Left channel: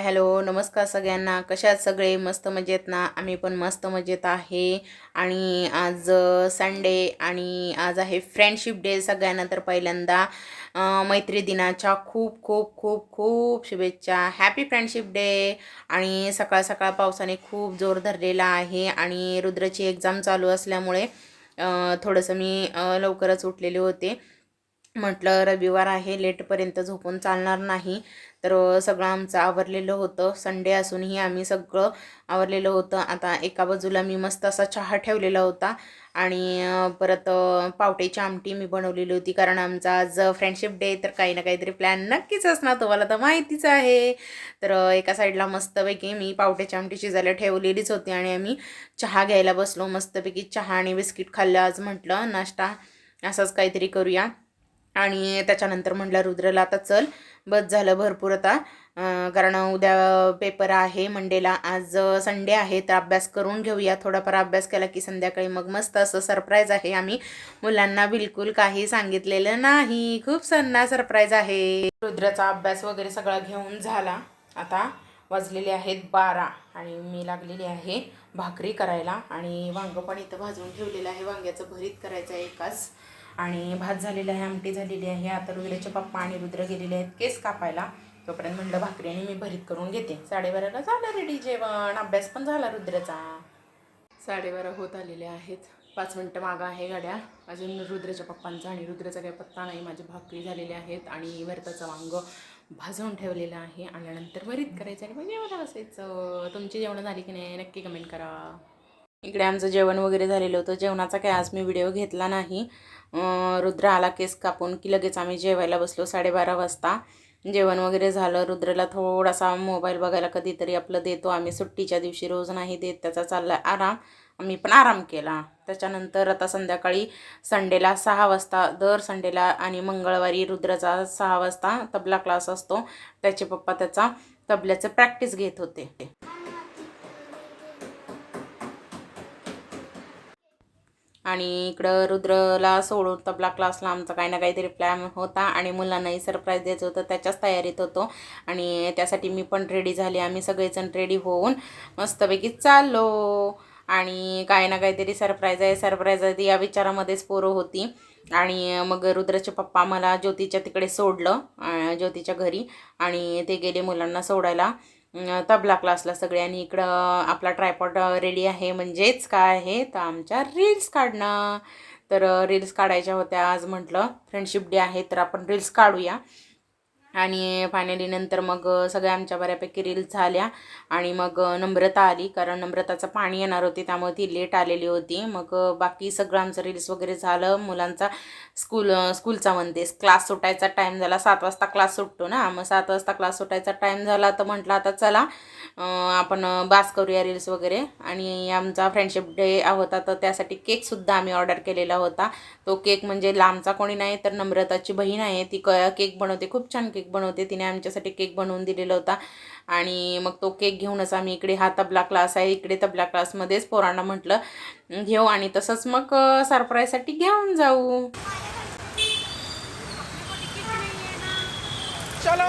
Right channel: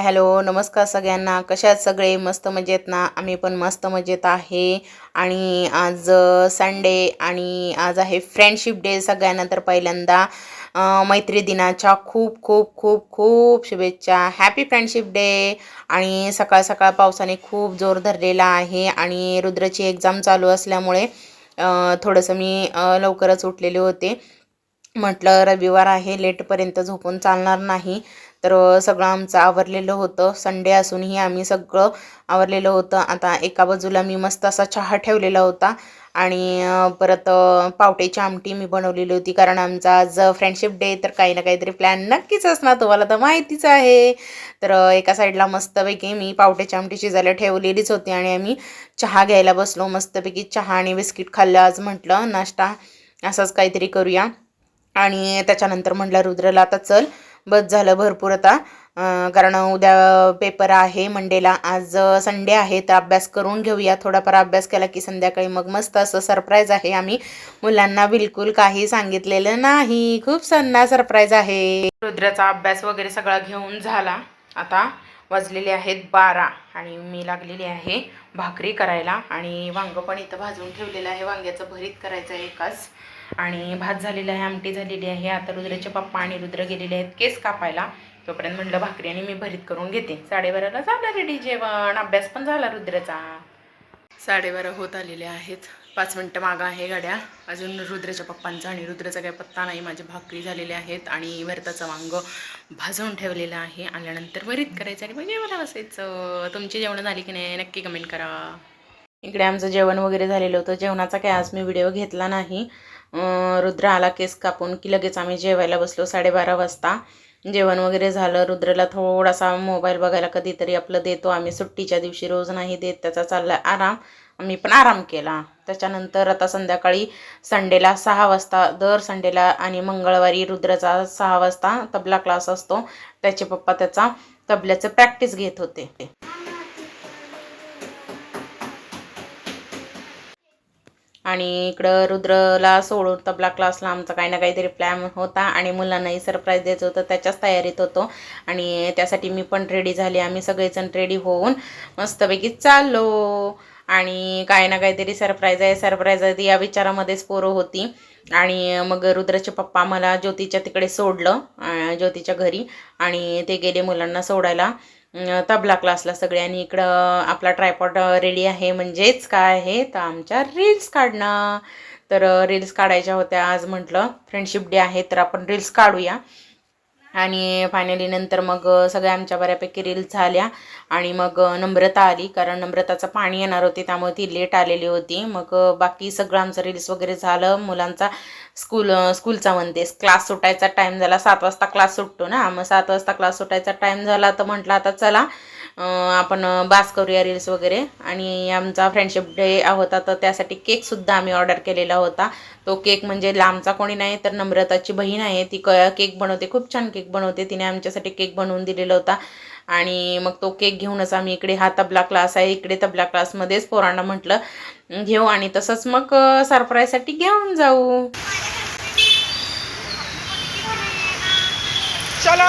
Hi hello नमस्कार सगळ्यांना. कशा आहात सगळे? मस्त मजेत ना? आम्ही पण मस्त मजेत आहे. आणि आज संडे आणि आज आहे फ्रेंडशिप डे. सगळ्यांना तर पहिल्यांदा मैत्री दिनाच्या खूप खूप खूप खूप शुभेच्छा. Happy friendship day. आणि सकाळ सकाळ पावसाने खूप जोर धरलेला आहे आणि रुद्रची एक्झाम चालू असल्यामुळे थोडंसं मी लवकरच उठलेले होते. म्हटलं रविवार आहे, लेटपर्यंत झोपून चालणार नाही. तर सगळं आमचं आवरलेलं होतं. संडे असूनही आम्ही सगळं आवरलेलं होतं. आता एका बाजूला मी मस्त असा चहा ठेवलेला होता आणि परत पावट्याची आमटी मी बनवलेली होती. कारण आमचा आज फ्रेंडशिप डे, तर काही ना काहीतरी प्लॅन नक्कीच असणार, तुम्हाला तर माहितीच आहे. तर एका साईडला मस्तपैकी मी पावट्याची आमटी शिजायला ठेवलेलीच होती आणि आम्ही चहा घ्यायला बसलो. मस्तपैकी चहा आणि बिस्किट खाल्लं. आज म्हटलं नाश्ता असंच काहीतरी करूया. आणि त्याच्यानंतर म्हटलं रुद्रला आता चल, बस झालं भरपूर आता. कारण उद्या पेपर आहे मंडेला. आज संडे आहे तर अभ्यास करून घेऊया. थोडाफार अभ्यास केला की संध्याकाळी मग मस्त असं सरप्राईज आहे. आम्ही मुलांना बिलकुल काही सांगितलेलं नाही. खूप सन्ना सरप्राईज आहे. रुद्राचा अभ्यास वगैरे सगळा घेऊन झाला. आता वाजलेले आहेत 12 आणि मी लागलेली आहे भाकरी करायला. आणि वांगं पण इथं भाजून ठेवलेलं आहे. वांग्याचं भरीत करायचं आहे एकाच. आणि भात झालेला आहे, आमटी झालेली आहे. आता रुद्राचे पप्पा आणि रुद्र गेलेले आहेत केस कापायला. तोपर्यंत म्हटलं भाकरी आणि मी भरीत करून घेते. 12:30ला झालं रेडी जेवण. अभ्यास पण झाला रुद्राचा. 12:30 होत आलेले आहेत. 5 मिनटं मागं आहे गाड्या. अजून रुद्राच्या पप्पांचा आणि रुद्राचा काही पत्ता नाही. माझी भाकरी झालेली आहेत आणि भरताचं वांग भाजून ठेवलेलं आहे. आल्यानंतर भरीत करायचं आणि मग जेवायला बसायचं. तुमची जेवणं झाली की नाही नक्की कमेंट करा. इकडे आमचं जेवण वगैरे झालेलं होतं. जेवणाचा काय आज मी व्हिडिओ घेतला नाही. रुद्र आला केस कापून की लगेच आम्ही जेवायला बसलो. 12:30 वाजता जेवण वगैरे झालं. रुद्रला थोडासा मोबाईल बघायला कधीतरी आपलं देतो आम्ही. सुट्टीच्या दिवशी रोज नाही देत. त्याचा चालला आराम. आम्ही पण आराम केला. त्याच्यानंतर आता संध्याकाळी संडेला 6 वाजता, दर संडेला आणि मंगळवारी रुद्राचा 6 वाजता तबला क्लास असतो. त्याचे पप्पा त्याचा तबल्याचं प्रॅक्टिस घेत होते. आणि इकडं रुद्रला सोडून तबला क्लासला आमचा काही ना काहीतरी प्लॅन होता आणि मुलांनाही सरप्राईज द्यायचं होतं. त्याच्याच तयारीत होतो आणि त्यासाठी मी पण रेडी झाले. आम्ही सगळेजण रेडी होऊन मस्तपैकी चाललो. आणि काही ना काहीतरी सरप्राईज आहे सरप्राईज आहे या विचारामध्येच पोरं होती. आणि मग रुद्राचे पप्पा मला ज्योतीच्या तिकडे सोडलं, ज्योतीच्या घरी. आणि ते गेले मुलांना सोडायला तबला क्लासला सगळे. आणि इकडं आपला ट्रायपॉड रेडी आहे. म्हणजेच काय आहे तर आमच्या रील्स काढणं. तर रील्स काढायच्या होत्या. आज म्हटलं फ्रेंडशिप डे आहे तर आपण रील्स काढूया. आणि फायनली नंतर मग सगळ्या आमच्या बऱ्यापैकी रील्स झाल्या. आणि मग नम्रता आली, कारण नम्रताचं पाणी येणार होती त्यामुळे ती लेट आलेली होती. मग बाकी सगळं आमचं रील्स वगैरे झालं. मुलांचा स्कूलचा म्हणते क्लास सुटायचा टाईम झाला. 7 वाजता क्लास सुटतो ना, मग 7 वाजता क्लास सुटायचा टाईम झाला तर म्हटलं आता चला आपण बास करूया रील्स वगैरे. आणि आमचा फ्रेंडशिप डे होता तर त्यासाठी केकसुद्धा आम्ही ऑर्डर केलेला होता. तो केक म्हणजे लांबचा कोणी नाही तर नम्रताची बहीण आहे. ती केक बनवते, खूप छान केक बनवते. तिने आमच्यासाठी केक बनवून दिलेला होता. आणि मग तो केक घेऊनच आम्ही इकडे, हा तबला क्लास आहे इकडे, तबला क्लासमध्येच पोरांना म्हटलं घेऊ आणि तसंच मग सरप्राईजसाठी घेऊन जाऊ. चलो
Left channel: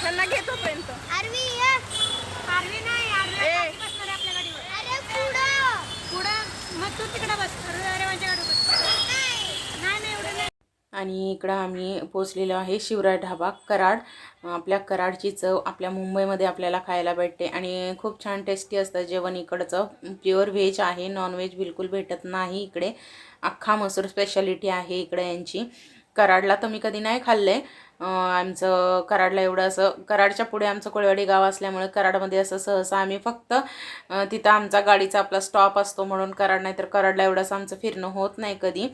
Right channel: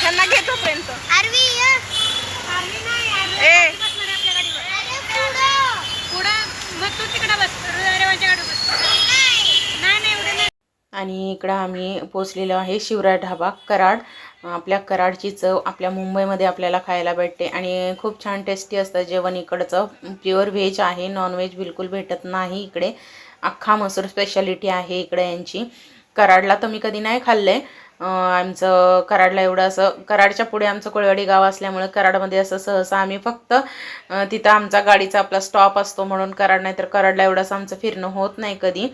त्यांना घेतो पर्यंत आणि इकडं आम्ही पोचलेलो आहे शिवराय ढाबा कराड. आपल्या कराडची चव आपल्या मुंबईमध्ये आपल्याला खायला भेटते आणि खूप छान टेस्टी असतं जेवण इकडचं. प्युअर व्हेज आहे, नॉनव्हेज बिलकुल भेटत नाही इकडे. अख्खा मसूर स्पेशालिटी आहे इकडे यांची. कराडला तर मी कधी नाही खाल्लं आहे. आमचं कराडला एवढं असं, कराडच्या पुढे आमचं कोळवाडी गाव असल्यामुळे कराडमध्ये असं सहसा आम्ही फक्त तिथं आमचा गाडीचा आपला स्टॉप असतो म्हणून कराड, नाही तर कराडला एवढंसं आमचं फिरणं होत नाही कधी.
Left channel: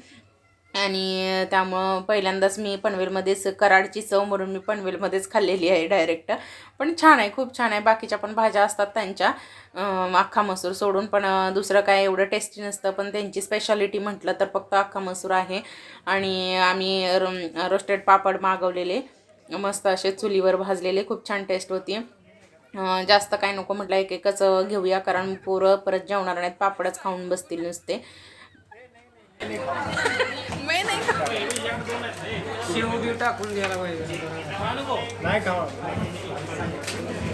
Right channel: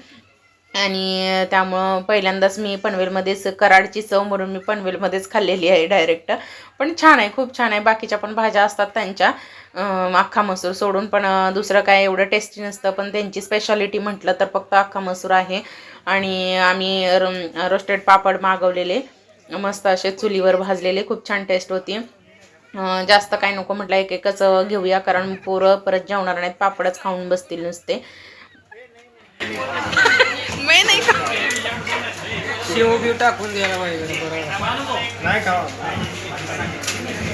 आणि त्यामुळं पहिल्यांदाच मी पनवेलमध्येच, कराडची चव म्हणून मी पनवेलमध्येच खाल्लेली आहे डायरेक्ट. पण छान आहे, खूप छान आहे. बाकीच्या पण भाज्या असतात त्यांच्या अख्खा मसूर सोडून, पण दुसरं काय एवढं टेस्टी नसतं. पण त्यांची स्पेशालिटी म्हटलं तर फक्त अख्खा मसूर आहे. आणि आम्ही रोस्टेड पापड मागवलेले, मस्त असे चुलीवर भाजलेले, खूप छान टेस्ट होती. जास्त काय नको म्हटलं, एक एकच घेऊया कारण पोरं परत जेवणार नाहीत, पापडच खाऊन बसतील नुसते. मी नाही खा शिव बी टाकून द्यायला पाहिजे नाही खावा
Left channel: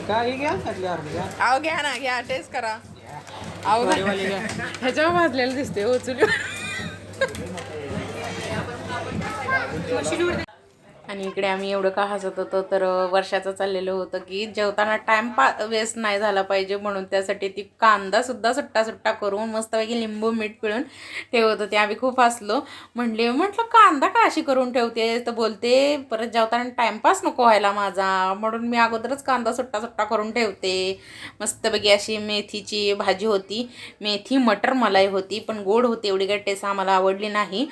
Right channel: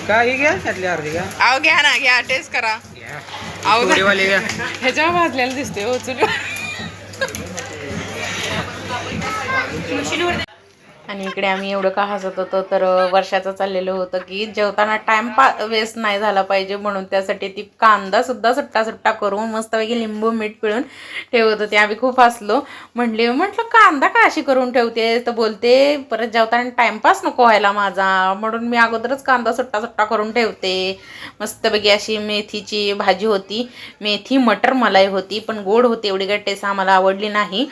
काही घ्या त्यातली अर्धी घ्या आव घ्या ना घ्या टेस्ट करा आव घ्या ह्याच्यावर भाजलेलं दिसते हो चुली आणि इकडे आम्ही एवढं का हसत होतो तर वर्षाचं चाललेलं होतं की जेवताना टाइम वेस्ट नाही झाला पाहिजे म्हणून त्यासाठी ती कांदा सुद्धा सुट्टा सुट्टा करून मस्तपैकी लिंबू मीठ पिळून ठेवत होते. आम्ही खूप हसलो. म्हटलं कांदा का अशी करून ठेवते तर बोलते परत जेवताना टाइमपास नको व्हायला माझा म्हणून मी अगोदरच कांदा सुट्टा सुट्टा करून ठेवते. मस्तपैकी अशी मेथीची भाजी होती. मेथी मटर मलाई होती पण गोड होती एवढी काही टेस्ट आम्हाला आवडली नाही.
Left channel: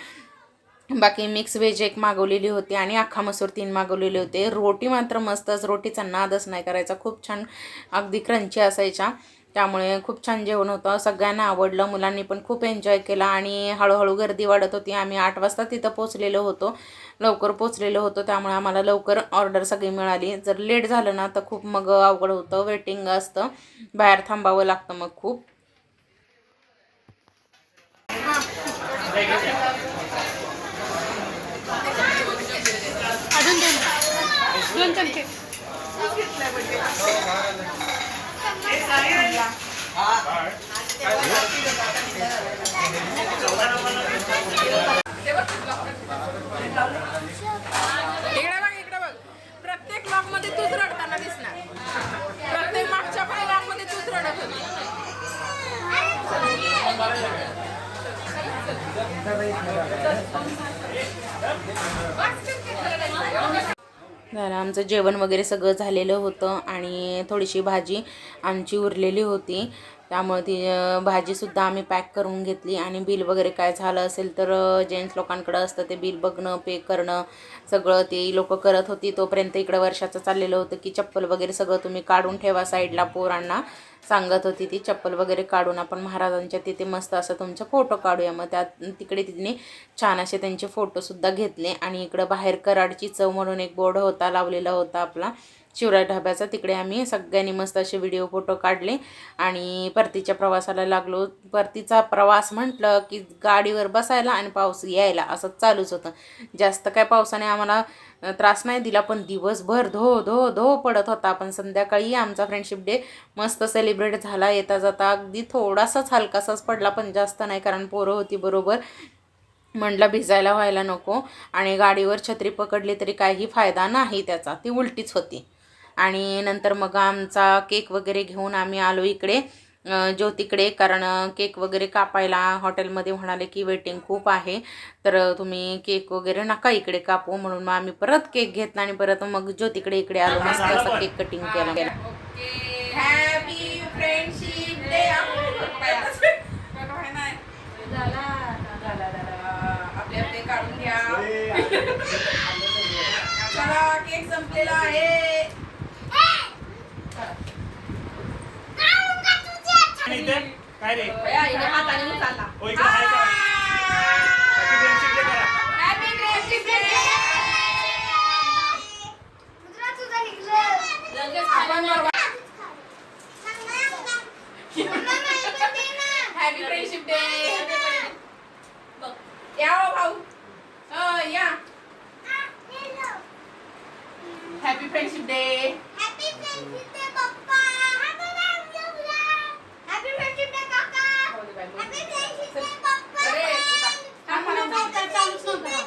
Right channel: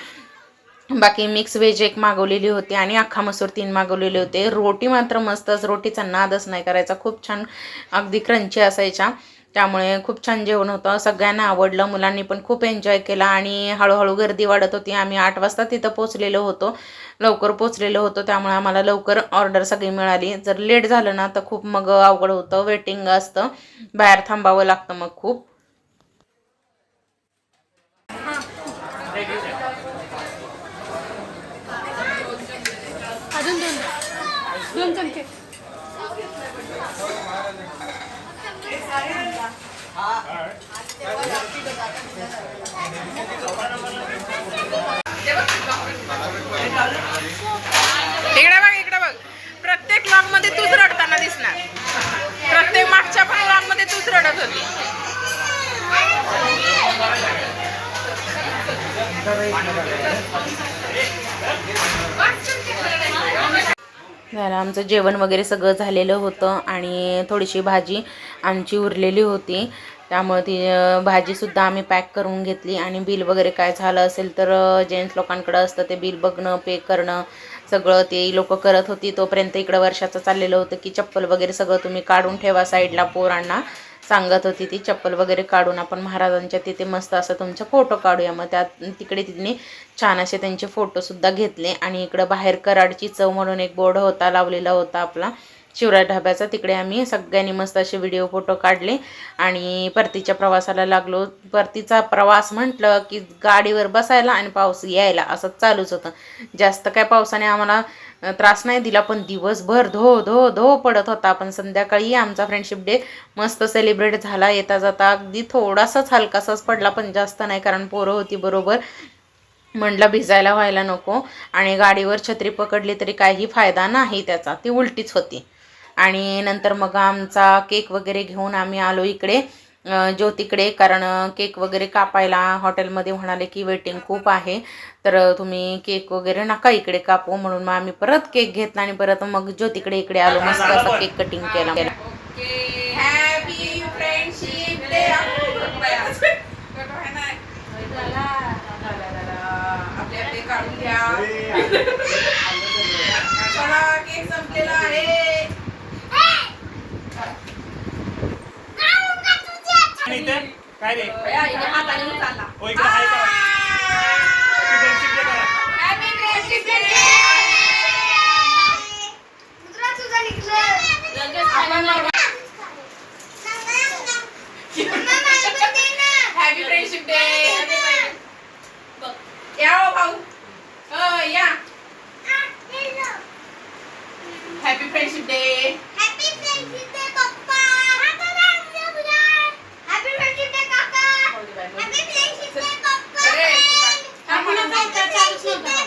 बाकी मिक्स व्हेज एक मागवलेली होती आणि अख्खा मसूर 3 मागवलेले होते. रोटी मात्र मस्तच रोटीचा नादच नाही करायचा. खूप छान अगदी क्रंची असायच्या त्यामुळे खूप छान जेवण होतं. सगळ्यांना आवडलं. मुलांनी पण खूप एन्जॉय केला आणि हळूहळू गर्दी वाढत होती. आम्ही 8 वाजता तिथं पोचलेलो होतो. लवकर पोचलेलो होतो त्यामुळे आम्हाला लवकर ऑर्डर सगळी मिळाली. जर लेट झालं ना तर खूप मग अवघड होतं. वेटिंग असतं बाहेर थांबावं लागतं मग खूप. अजून दोन चमचे इकडे बघ प्रत्येक व्लॉग मध्ये तूच रडताना दिसणार. प्रत्येक मागच्या पण व्लॉग मध्ये तूच रडत होती. झालं आमचं जेवण वगैरे सगळं झालेलं होतं आणि थोडीशी भाजी आमची उरलेली होती त्यामुळे ती भाजीसुद्धा आम्ही पॅक करून घेतली. आणि बिल वगैरे काय झालं असेल तर जेंट्स लोकांकडं असतं ते बिल बघणं पे करणं सगळं ते लोक करत होती. तोपर्यंत इकडं वर्षाचं चाललेलं होतं की चप्पल वगैरे सगळं तुम्ही काढून ठेवा साईडला. पोरांना सांगत होती ती चप्पल वगैरे काढून आपण महाराजांच्या तिथे मस्त असं तुमचे फोटो काढूया. मग तिकडे तिने छान असे त्यांचे फोटोसुद्धा घेतले. आणि इकडं बाहेर कराडची चव म्हणून एक बोर्ड होता लावलेला होता आपला शिवराज ढाब्याचा. तिकडे आम्ही सगळ्यांनी मस्त असे व्हिडिओ फोटो काढले आणि परतीच्या प्रवासाला लागलो. परतीचा प्रवास म्हटलं की गाडीवर बसायला आणि पाऊस यायला असं चालूच होतं. जास्त काय पावसाने आम्हाला त्रास नाही दिला पण दिवसभर धो धो धो पडत होता. पण संध्याकाळी आमचा फ्रेंडशिप डे मस्त सेलिब्रेट झाला. येता जाता अगदी थोडासाच हलकासाच पडला पण जास्त नाही कारण पोरं होती बरोबर. म्हटलं भिजायला व्हायला नको. आणि गाडीवर छत्री पकडली तरी काही फायदा नाही त्याचा ती उलटीच होती. आणि नंतर मग आमचा केक वगैरे घेऊन आम्ही आलो इकडे ज्योतीकडे. कारण केक वगैरे कापायला हॉटेलमध्ये म्हणाले की वेटिंग खूप आहे तर तुम्ही केक वगैरे नका इकडे कापू म्हणून मग आम्ही परत केक घेतला आणि परत मग ज्योतीकडे इकडे आलो. मस्त असा केक कटिंग केला. Happy friendship day. आपले आपले काढून घ्या. चला केक संपलेला आहे. काय रे हॅपी फ्रेंडशिप डे. या हो भाऊ या. Happy friendship day. Happy friendship day पप्पा. हॅपी फ्रेंडशिप डे काका. हॅपी फ्रेंडशिप डे पप्पा. अरे आम्हाला नव्हता चालूच नव्हता.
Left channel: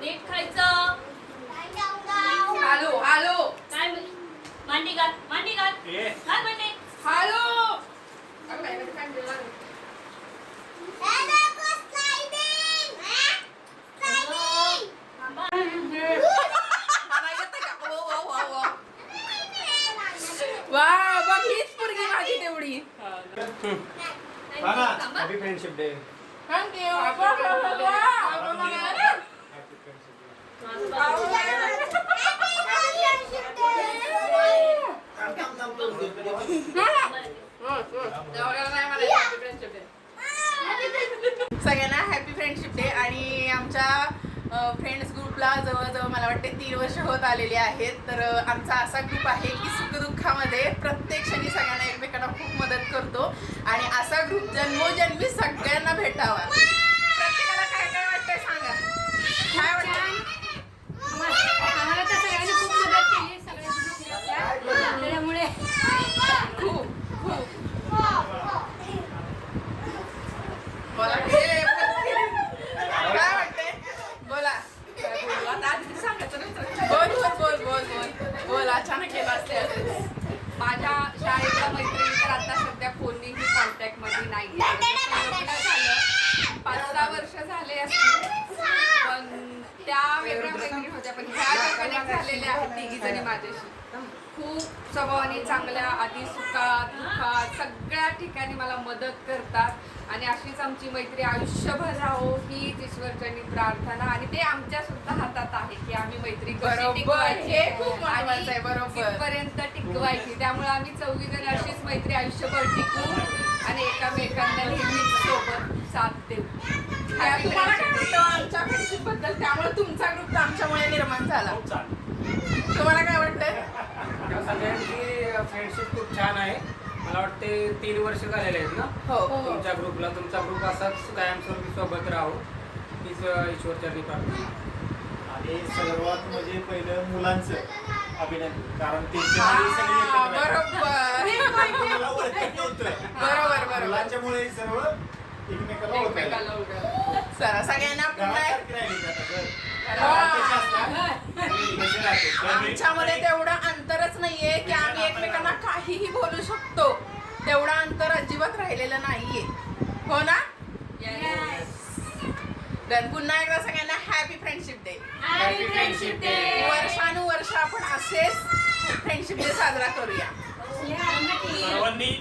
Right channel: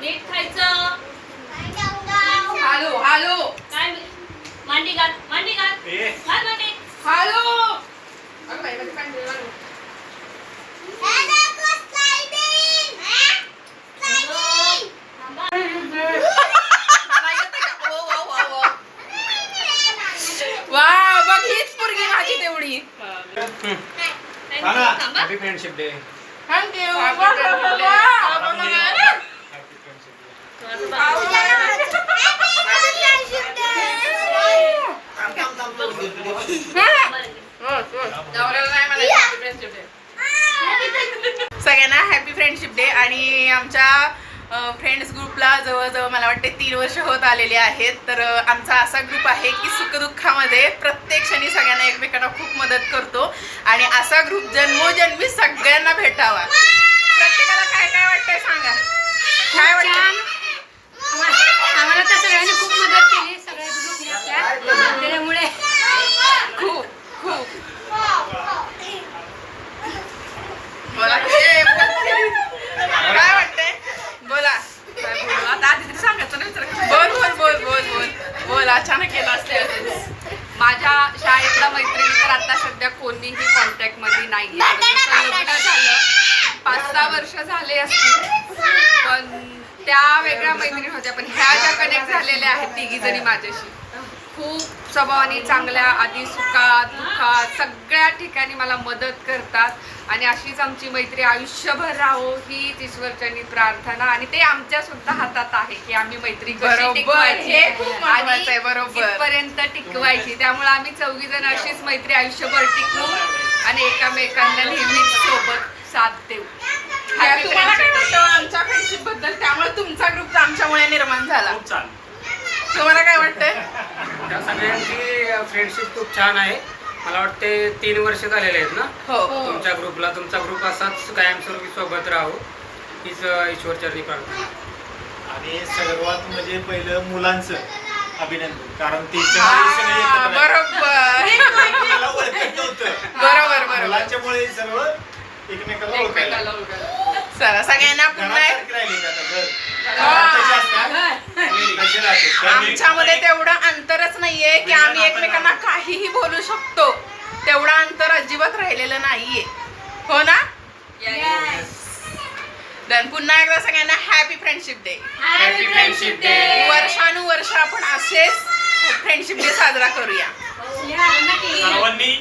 नीट खायचं. हॅलो हॅलो काय मांडी घाल मांडी घाल घाल मांडी. हॅलो वा बघ हीच पोरगी माझी तेवढी. Happy friendship day. थँक्यू. सगळ्यांना हॅपी फ्रेंडशिप डे. आणि आमच्या फ्रेंड्स ग्रुपला जवळजवळ मला वाटते 3 वर्ष होत आलेली आहेत. तर आमचा असा ग्रुप आहे की सुखदुःखामध्ये प्रत्येक क्षणी सगळ्यांना एकमेकांना खूप मदत करतो आणि असा ग्रुप जन्मोजन्मी सगळ्यांना भेटावा. प्रत्येकाला काय काय वाटतंय सांगा, काय वाटतं? आम्हाला तर सगळ्यांनी खूप मदत केली, सगळे ग्रुपने आपल्या, त्याच्यामुळे खूप खूप बोला काय वाटतंय, बोला काय बोलू आता, आधी तरी सांगायचं नाही तर. बोल बोल बोल बोल बोल बोल अचानक केलं असते. माझ्या शाळेतल्या मैत्रिणी तर आता सध्या कोणीही कॉन्टॅक्टमध्ये नाही. लग्न झालं 5-6 वर्ष झाले असतील, पण त्या वेगळ्या मैत्रिणी होत्या. पण ह्या ज्या कनेक्ट झालेल्या आहेत तिघी जणी माझ्याशी, खूप स्वभावाने चांगल्या, आधी सुखात दुःखात सगळ्या ठिकाणी मला मदत करतात. आणि अशीच आमची मैत्री आयुष्यभर राहो हीच ईश्वरचरणी प्रार्थना. आणि ते आमच्या सुद्धा हातात आहे की आम्ही मैत्री कशी बरोबर, टिकवायची हे खूप महत्त्वाचं आहे, बरोबर. पर्यंत टिकवायची. त्यामुळे आम्ही 4 जण अशीच मैत्री आयुष्यभर टिकवू आणि एकामेकांना नेहमीच सोबत साथ देऊ. तुम्हाला काय वाटतं आमच्या फ्रेंडशिप बद्दल? त्यामुळे तुमचा ग्रुप आमच्यामुळे निर्माण झाला. तुम्हाला काय वाटतंय? त्या सगळ्यांची फ्रेंडशिप खूप छान आहे. मला वाटते 3 वर्ष झालेले आहेत ना हो तुमच्या ग्रुपला. तुमचा ग्रुप असाच कायमस्वरूपी सोबत राहो हीच ईश्वरचरणी प्रार्थना. आणि सर्वात म्हणजे पहिलं मुलांचं अभिनंदन, कारण त्यांच्यामुळे सगळे एकत्र राहिले. बरोबर एकमेकाला ओळखत नव्हतं, बरोबर बरोबर. मुलांच्यामुळे सर्व एकमेकाला ओळखायला चला सगळ्यांना पुन्हा एक- घरासारखं राहिले आता घर हा. तसे असतात, तसे राहते. आमच्यामध्ये तेवढं अंतरच नाहीये की आम्ही एकमेकांना काहीही बोलू शकतो. तेवढं अंतर अजिबात राहिलेलं नाहीये, हो ना? तर पुन्हा एकदा सगळ्यांना happy friendship day. Happy friendship day. वर्षानुवर्ष आपण असेच फ्रेंडशिप डे साजरा करूया. सर्वांनी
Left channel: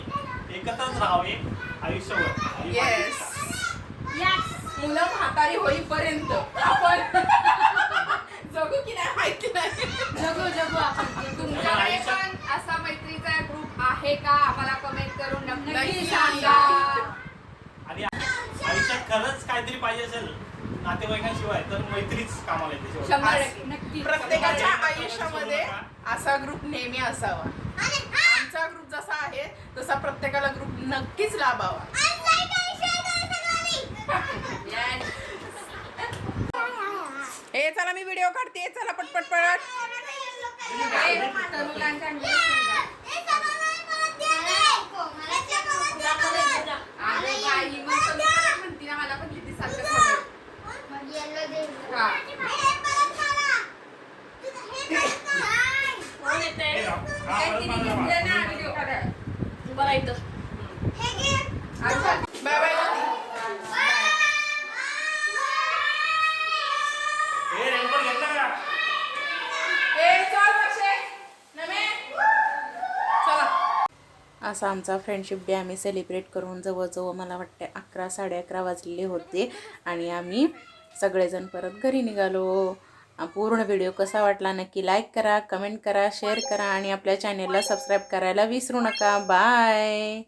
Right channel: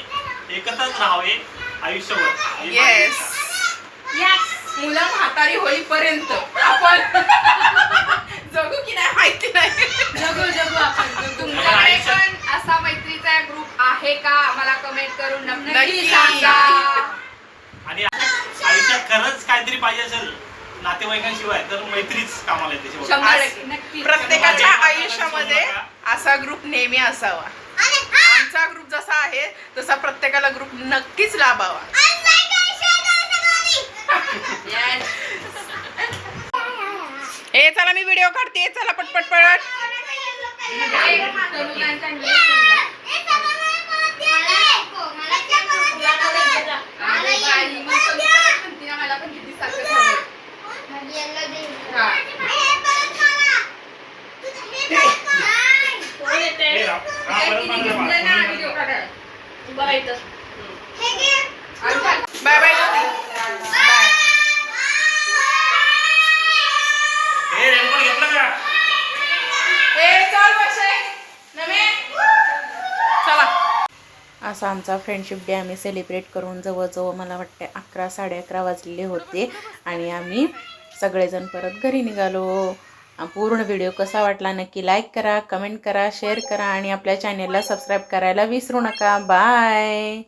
एकत्रच राहावे आयुष्यभर. येस. मुलं म्हातारी होईपर्यंत आपण जगू की नाही माहिती नाही. जगू आपण. तुमच्याकडे पण असा मैत्रीचा ग्रुप आहे का? आम्हाला कमेंट करून नक्की नक्की सांगा. सांगा. आणि आयुष्यात खरंच काहीतरी पाहिजे असेल नातेवाईकांशिवाय तर मैत्रीच कामाला येते शेवटी. 100% नक्की. प्रत्येकाच्या आयुष्यामध्ये असा ग्रुप नेहमी असावा. आमचा ग्रुप जसा आहे तसा प्रत्येकाला ग्रुप नक्कीच लाभावा. Yes. ए चला मी व्हिडिओ काढते, चला पटपट पट. तरुणांच्या news सांगा. अरे बाई, मग तरुण म्हणते ना, मला पण किती सारखं झालं. हा. कोण येते? हे राव, हा ते परत तिने मागं घेतलं ना मागं. व्हिडिओ काढायला. बघा इथं. अच्छा. बाय बाय ज्योती. बाय. हे रेनकोट घेतलं का? ए चल वर्षे. नमे. चला. असा आमचा फ्रेंडशिप डे आम्ही सेलिब्रेट करून जवळजवळ मला वाटते 11-11:30 वाजलेले होते आणि आम्ही सगळेजण परत घरी निघालो. पूर्ण व्हिडिओ कसा वाटला नक्की लाईक करा, कमेंट करा, शेअर करा आणि आपल्या चॅनेलला सबस्क्राईब करायला विसरू नका. बाय.